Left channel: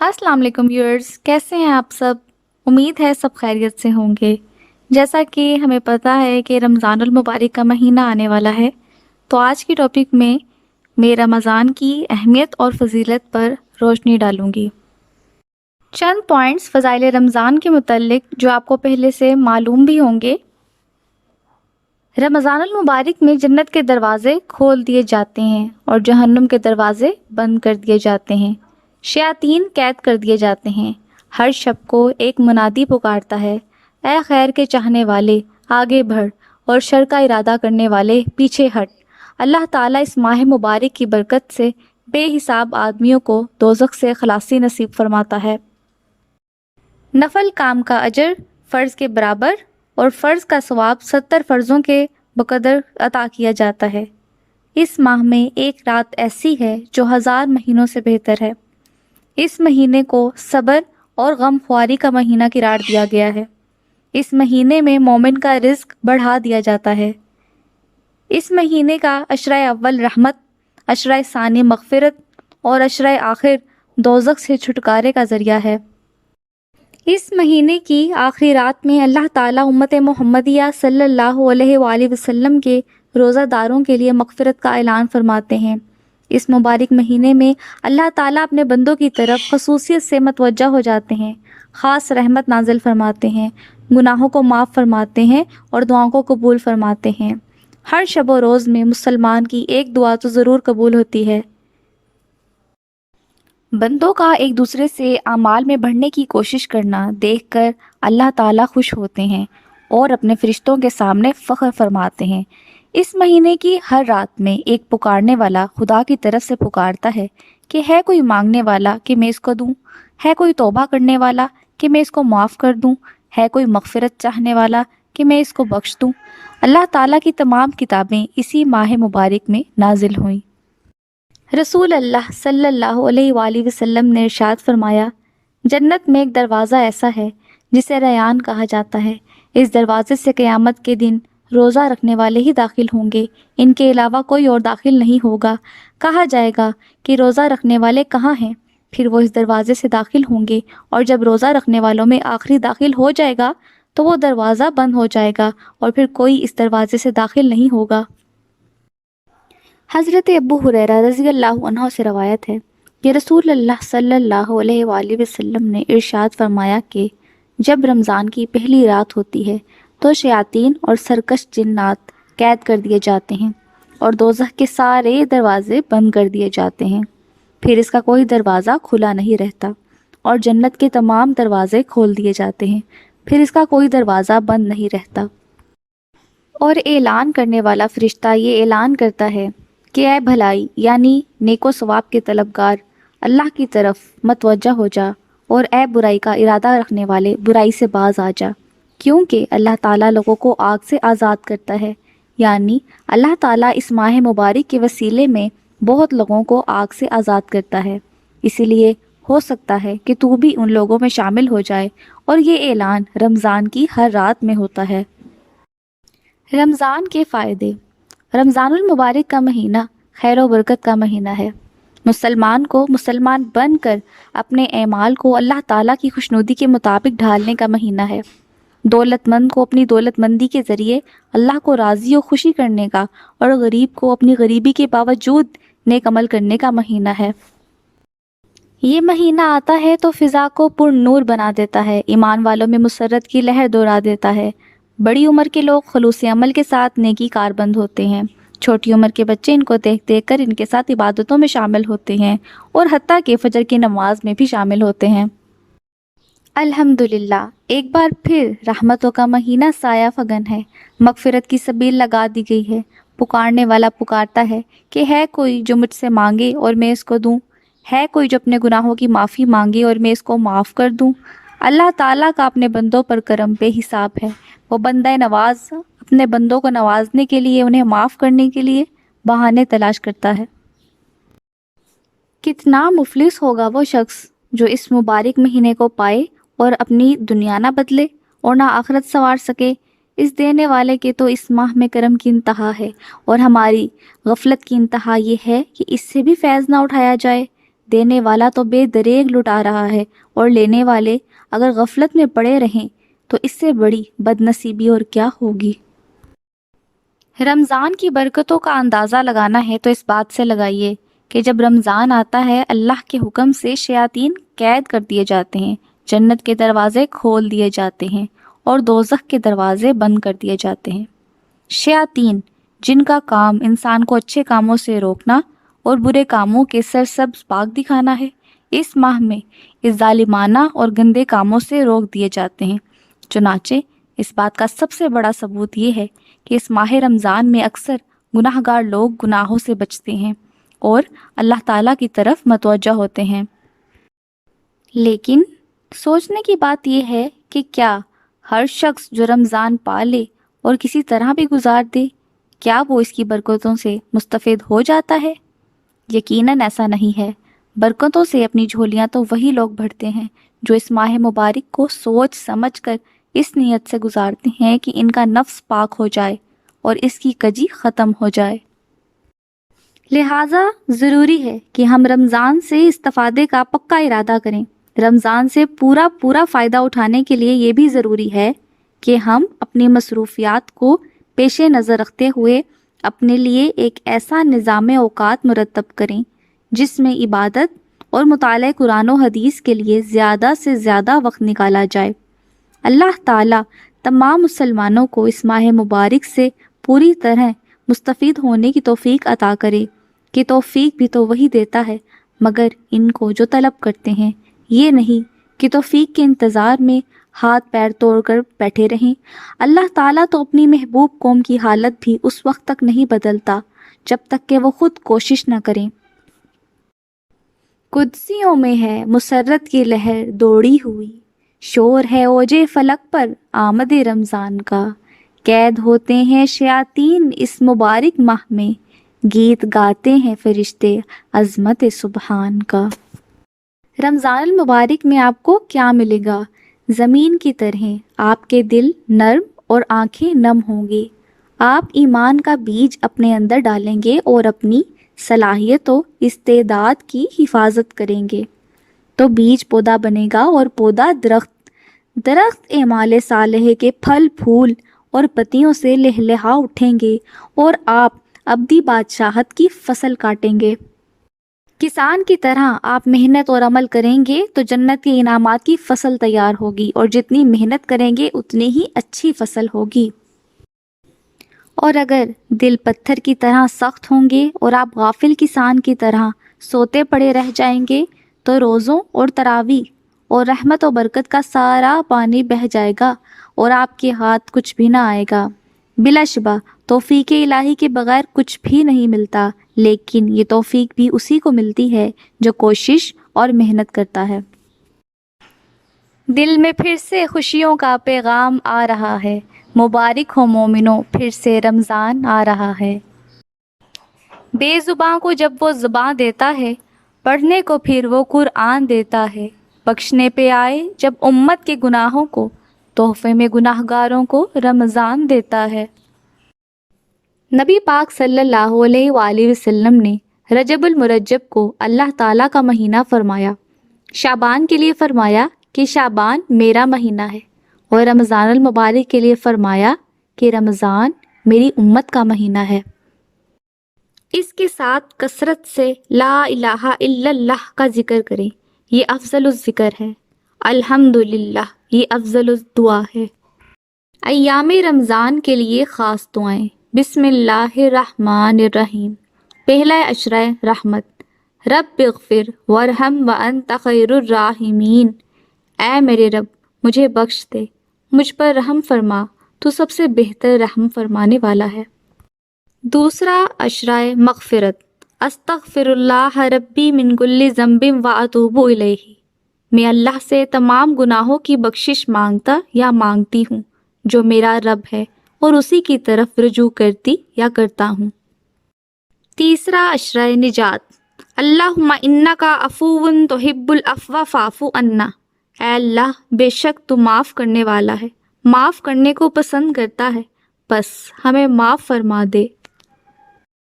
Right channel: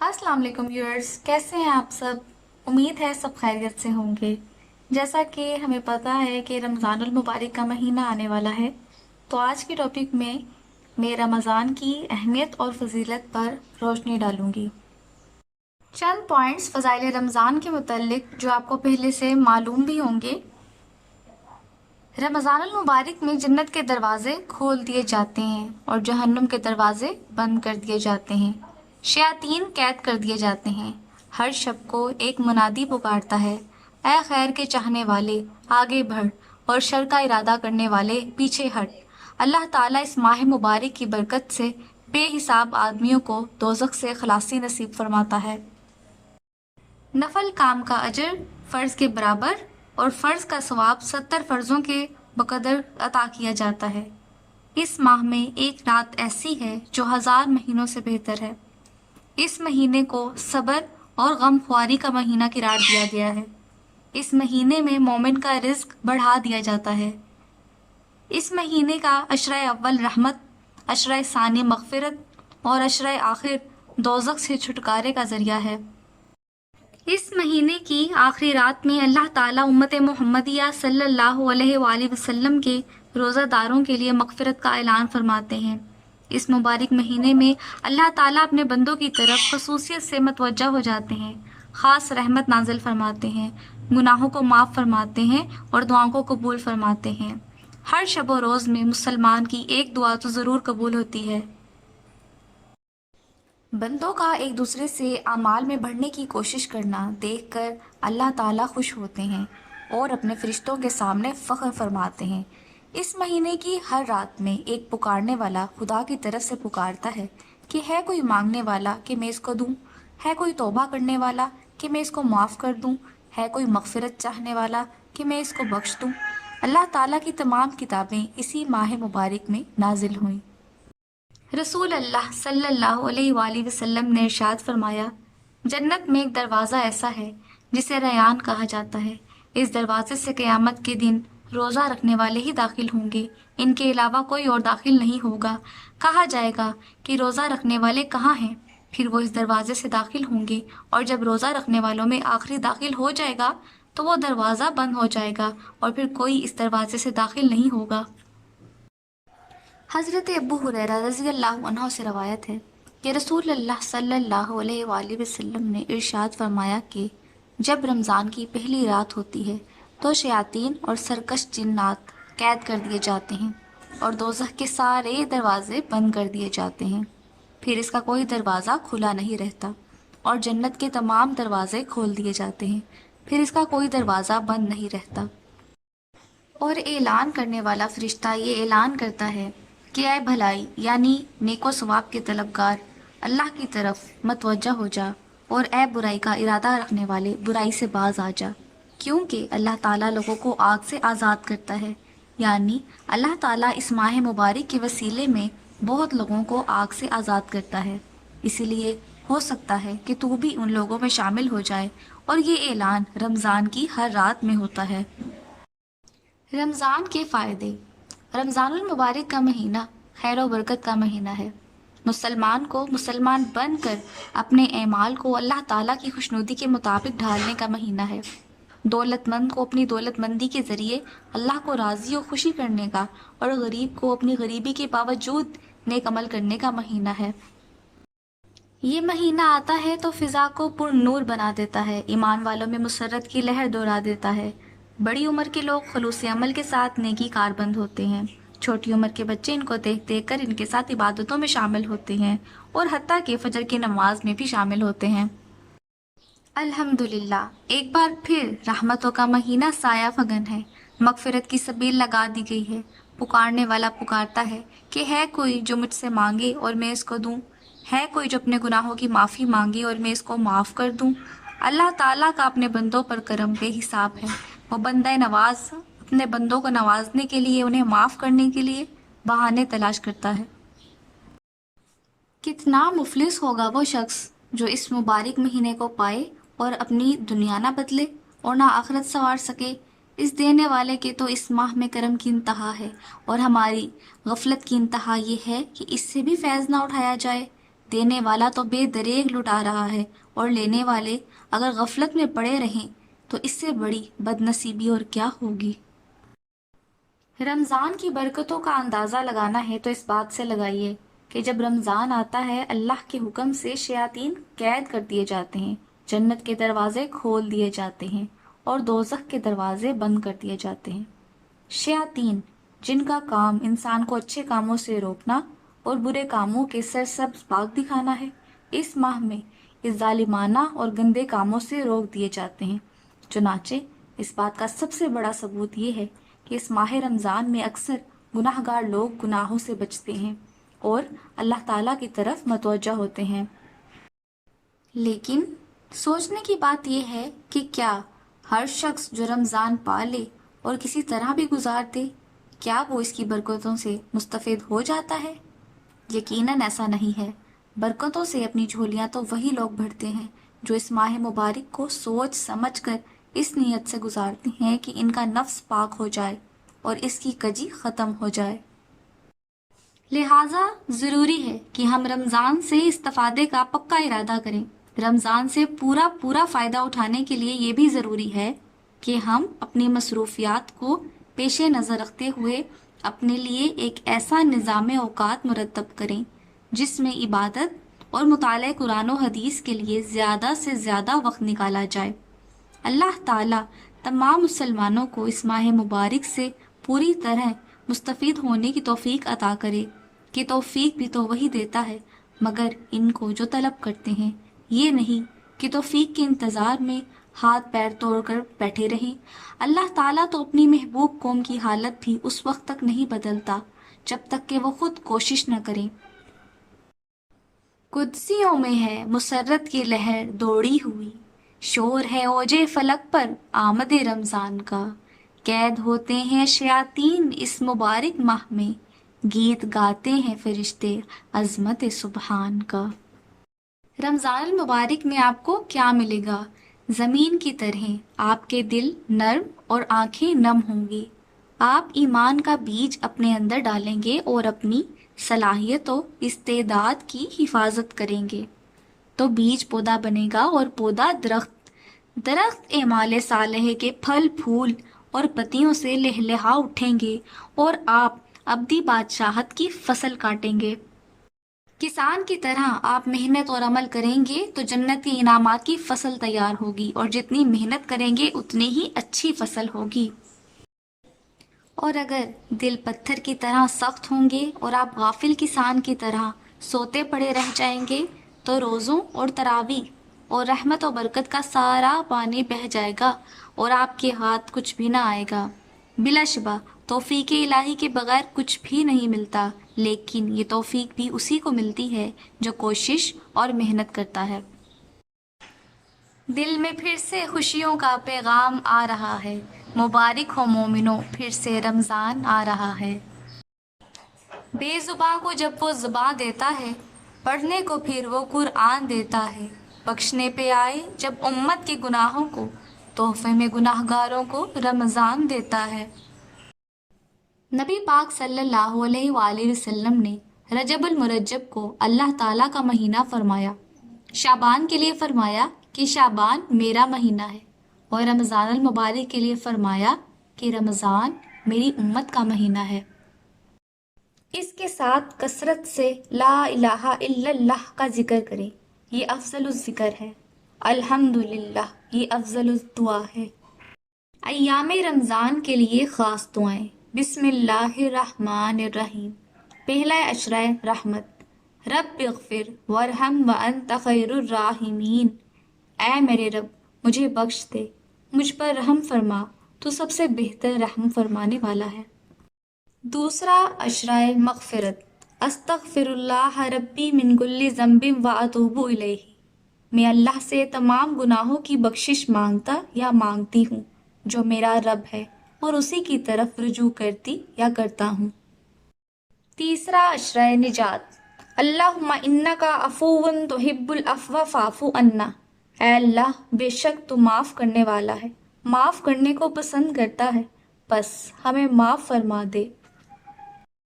अस्सलाम वालेकुम व्यूअर्स, कैसे हैं आप सब। उम्मीद है सब खैरियत से होंगे। जैसा कि हमें पता है कि रमज़ानुल मुबारक का महीना आने वाला है, तो आज की टॉपिक में मैं रमज़ान की अहमियत और फजीलत पर रोशनी डालूंगी। चंद पॉइंट्स फ़ज़ाइल रमज़ान के मुतल्लिक जो आपको पहले से मालूम भी होंगे। रमज़ानुल मुबारक में जन्नत के दरवाज़े खोल दिए जाते हैं और जहन्नुम के दरवाज़े बंद कर दिए जाते हैं। शयातीन कैद कर दिए जाते हैं। हर शब को एक मुनादी पुकारता है, ए खैर के चाहने वाले आगे बढ़ और शर का इरादा करने वाले पीछे हट। अल्लाह ताला इस माह मुबारक की बरकत से बेहिसाब आदमियों को दोज़ख से खलासी नसीब फरमाता है। नफल काम का अजर फ़र्ज के बराबर और फ़र्ज का सवाब 70 फ़र्ज़ों के बकदर अता किया जाता है। इस माह में एक रात ऐसी है जो 1000 महीनों से बेहतर है। इस महीने को सब्र और गमख्वारी का महीना करार दिया गया है। इस महीने में मोमिन का रिज्क बढ़ा दिया जाता है। इस महीने का अशरा अव्वल रहमत, अशरा सानी मगफिरत और अशरा आखिर दोज़ख से छुटकारे का ज़रिया है। इस महीने की आखिरी रात में अल्लाह ताला उम्मत मोहम्मदिया सल्लल्लाहु अलैहि वसल्लम के रोज़ादारों के लिए मगफिरत का ऐलान फरमाते हैं। इस मुबारक महीने में अल्लाह ताला अपने बंदों की तरफ खसूसियत से मतवज्जा हो जाते हैं, ख़ास रहमत नाजिल फरमाते हैं, गुनाहों को माफ़ फरमाते हैं और दुआओं को कबूल फरमाते हैं। हर शब व रोज़ में मुसलमान की एक दुआ तो ज़रूर कबूल होती है। बंदों का एक दूसरे से आमाल में बढ़ने की कोशिश करना देखकर अल्लाह ताला खुश होते हैं और अपने फरिश्तों के सामने फ़ख्र फरमाते हैं। इस महीने की हर रात में एक पुकारने वाला खुदा की तरफ से पुकारता है कि है कोई मांगने वाला कि मैं इसको दूं, है कोई तौबा करने वाला कि मैं इसको माफ़ कर दूं, है कोई मगफिरत चाहने वाला कि मैं इसको बख्श दूं। अल्लाह ताला की तमाम किताबें इसी माह मुबारक में नाजिल हुईं। रसूल अल्लाह सल्लल्लाहु अलैहि वसल्लम ने इरशाद फरमाया, जन्नत में एक दरवाज़ा ऐसा है जिसे रयान कहा जाता है। इस दरवाजे से क़यामत के दिन रोज़ा रखने वाले ही दाखिल होंगे, इनके अलावा कोई और दाखिल नहीं होगा। कहा जाएगा कि रोज़ा रखने वाले कहाँ हैं? फिर वो इस दरवाजे से दाखिल होंगे और जब रोज़ा रखने वालों में आखिरी दाखिल हो जाएगा तो वो दरवाज़ा बंद हो जाएगा और फिर कोई इस दरवाजे से दाखिल नहीं होगा। हज़रत अबू हुरैरा रज़ी अल्लाहु अन्हु से रवायत है कि रसूल अल्लाह सल्लल्लाहु अलैहि वसल्लम ने इरशाद फरमाया कि जब रमज़ान की पहली रात होती है तो शयातीन और सरकश जिन्नात कैद कर दिए जाते हैं और दोज़ख के सारे दरवाज़े बंद कर दिए जाते हैं। फिर इसका कोई दरवाज़ा खुला नहीं रहता और जन्नत के तमाम दरवाज़े खोल दिए जाते हैं। फिर इसका कोई दरवाज़ा बंद नहीं रहता और ऐलान करने वाला फरिश्ता ये ऐलान करता है कि ऐ भलाई यानी नेको सवाब के तलबगार, अल्लाह की तरफ मतवज्जा हो जा और ऐ बुराई का इरादा रखने वाले बुराई से बाज आ जा, क्योंकि अल्लाह ताला लोगों को आग से आज़ाद करता है। यानी अल्लाह ताला इस माह मुबारक के वसीले में बहुत लोगों को आग से आज़ाद करता है। इसीलिए हो सकता है कि तू भी उन लोगों में शामिल हो जाए और ये ऐलान रमज़ान की हर रात में होता है। रमज़ान के फ़ायदे। रमज़ानुल मुबारक का महीना खैर व बरकत का महीना है। मुसलमान को मुसलमान बनकर अपने एमाल को अल्लाह ताला की खुशनुदी के मुताबिक ढालने का महीना है। दौलतमंद को अपनी दौलतमंदी के ज़रिए अल्लाह को राज़ी और खुशी करने का और गरीब को अपनी गरीबी के बावजूद नेक अमल करने का महीना है। ये महीना आता है तो फ़िज़ा को पुरनूर बना देता है, ईमान वालों में मुसर्रत की लहर दौड़ा देता है। बड़ी उम्र के लोग खलूस अमल के साथ नेकी कारबंद होते हैं। छोटी उम्र के बच्चे इनको देख देख कर इनके साथ इबादतों में शामिल होते हैं और हत्ता के फजर की नमाज में भी शामिल होते हैं। अल्हम्दुलिल्लाह, एक बार फिर रहमतों का महीना साया फगन है। मगफिरत की सबील लगा दी गई है। पुकारने वाला पुकारता है कि है कोई जो मुझसे मांगे और मैं इसको दूं, है कोई जो अपने गुनाहों की माफ़ी मांगे और मैं इसको माफ़ कर दूं। अल्लाह ताला का अपने बंदों पर करम बेहिसाब है। वो बंदा नवाज अपने बंदों को नवाजने के लिए, उन्हें माफ़ करने के लिए बहाने तलाश करता है। कितना मुफलिस होगा वो शख्स जो इस मुबारक महीने को पाए और अपनी दुनिया ना बदले और ना आखिरत संवार सके। इस देने वाले के तो इस माह में करम की इंतहा है और हमारी गफलत की इंतहा ये है कि इससे भी फैज़ ना उठाया जाए। دینے والا تو بے دریغ لٹا رہا ہے، اور لینے والے اگر غفلت میں پڑے رہیں تو اس سے بڑی بد نصیبی اور کیا ہوگی۔ رمضان کی برکتوں کا اندازہ لگانا ہے تو اس بات سے لگائیے کہ جب رمضان آتا ہے اللہ کے حکم سے شیاطین قید کر دیے جاتے ہیں، جنت کے دروازے کھول دیے جاتے ہیں اور دوزخ کے دروازے بند کر دیے جاتے ہیں۔ شیاطین جن کا کام انسان کو اچھے کاموں سے روکنا اور برے کاموں کے سرسبز باغ دکھانا ہے، اس ماہ میں اس ظالمانہ اور گندے کاموں سے روک دیے جاتے ہیں۔ چنانچہ اس بات کا سب سے بڑا ثبوت یہ ہے کہ اس ماہ رمضان میں اکثر گناہ گار لوگ گناہوں سے بچتے ہیں اور اللہ تعالیٰ کی طرف متوجہ ہوتے ہیں۔ لیکن سوچنے کی بات یہ ہے کہ کیا ہر شخص جو رمضان پالے اور کسی طرح بھی گزار دے، کیا وہ اس کی برکتوں سے مستفید ہو جاتا ہے؟ یقیناً ایسا نہیں ہے۔ برکتوں سے اپنی جھولیاں تو وہی لوگ بھرتے ہیں جو اس ماہ مبارک کو سوچ سمجھ کر اس نیت سے گزارتے ہیں کہ ان کا نفس پاک ہو جائے اور اس کی کجی ختم ہو جائے۔ لہٰذا ضروری ہے کہ ہم رمضان سے استفادے کا پکا ارادہ کریں۔ رمضان سے پورا فائدہ اٹھانے کے لیے یہ بھی ضروری ہے کہ ہم اپنی مصروفیات کو پیش نظر رکھتے ہوئے اپنے لیے ایک ایسا نظام اوقات مرتب کریں جس میں عبادت اور مطالعہ قرآن و حدیث کے لیے زیادہ سے زیادہ وقت نکالا جائے۔ اللہ تعالیٰ تمام مسلمانوں کو اس ماہ مبارک سے پوری طرح مستفید ہونے کی توفیق عطا کرے، کہ توفیق بھی تو وہی دیتا ہے مگر ان کو جو طلب کرتے ہیں، یہ نہیں کہ توفیق کے انتظار میں ہاتھ پیر توڑ کر بیٹھے رہیں۔ اللہ تعالیٰ تو اپنی محبوب قوم کی حالت بھی اس وقت تک نہیں بدلتا جب تک کہ وہ خود کوشش نہ کریں۔ قدسیوں میں ہے مسرت کی لہر دوڑی ہوئی، شور ہے اوجے فلک پر آمد رمضان کا، قید ہوتے ہیں شیاطین اس مبارک ماہ میں، گیت گاتے ہیں فرشتے عظمت سبحان کا۔ رمضان المبارک میں آپ کو کیا ملے گا؟ زمین کی طرح آپ کے دل نرم اور آنکھیں نم ہوں گی۔ آپ ایمان کا بیج اپنے اندر ڈالیں گے اور اپنی صلاحیت و استعداد کی حفاظت کریں گے تو بیج پودا بنے گا اور پودا درخت اعمال صالح کے پھل پھول اور پتیوں سے لہلہا اٹھیں گے اور آپ ابدی بادشاہت کی فصل کاٹیں گے۔ کسان کی طرح آپ محنت اور عمل کریں گے تو جنت کے انعامات کی فصل تیار ہوگی، اور جتنی محنت کریں گے اتنی ہی اچھی فصل ہوگی۔ اور اگر دل پتھر کی طرح سخت ہوں گے اور آپ غافل کسان کی طرح سوتے پڑے رہ جائیں گے تو روزوں اور تراویح اور رحمت و برکت کا سارا پانی بہہ جائے گا اور آپ کے ہاتھ کچھ بھی نہ آئے گا۔ بلا شبہ توفیق الہی کے بغیر کچھ بھی نہیں ملتا، لیکن یہ توفیق بھی اسی کو ملتی ہے جو کوشش اور محنت کرتا ہے۔ دل میں پھر سے خوشیوں کا پیغام آ رہا ہے، مبارک ہو مومنوں، پھر سے رمضان آ رہا ہے۔ بے زباں کو جب وہ زباں دیتا ہے، پڑھنے کو پھر وہ قرآن دیتا ہے، بخشنے پہ آئے جب امت کے گناہوں کو، تحفے میں گناہ گاروں کو رمضان دیتا ہے۔ نبی پاک صلی اللہ علیہ وآلہ وسلم نے رجب المرجب کو اللہ تعالیٰ کا مہینہ فرمایا، شعبان کے لیے فرمایا کہ شعبان میرا مہینہ ہے، اور رمضان المبارک کے لیے فرمایا کہ رمضان میری امت کا مہینہ ہے۔ اس کے ساتھ کثرت سے لا الہ الا اللہ کا ذکر کریں، یہ افضل الذکر ہے۔ الحمدللہ، یہ افضل الدعا ہے۔ ایام رمضان کے لیے خاص دعائیں۔ بسم اللہ الرحمن الرحیم۔ پہلا عشرہ رحمت، رب اغفر وارحم وانت خیر الراحمین۔ اے میرے رب مجھے بخش دے، مجھ پر رحم فرما، تو سب سے بہتر رحم فرمانے والا ہے۔ دوسرا عشرہ مغفرت، استغفر اللہ ربی من کل ذنب واتوب الیہ۔ میں اللہ سے تمام گناہوں کی بخشش مانگتا یا مانگتی ہوں جو میرا رب ہے، اور اسی کی طرف رجوع کرتی یا کرتا ہوں۔ تیسرا عشرہ نجات، اللہم انکا عفو تحب العفو فاعف عنا۔ اے اللہ بے شک تو معاف کرنے والا ہے، معاف کرنے کو پسند کرتا ہے، بس ہمیں معاف فرما دے۔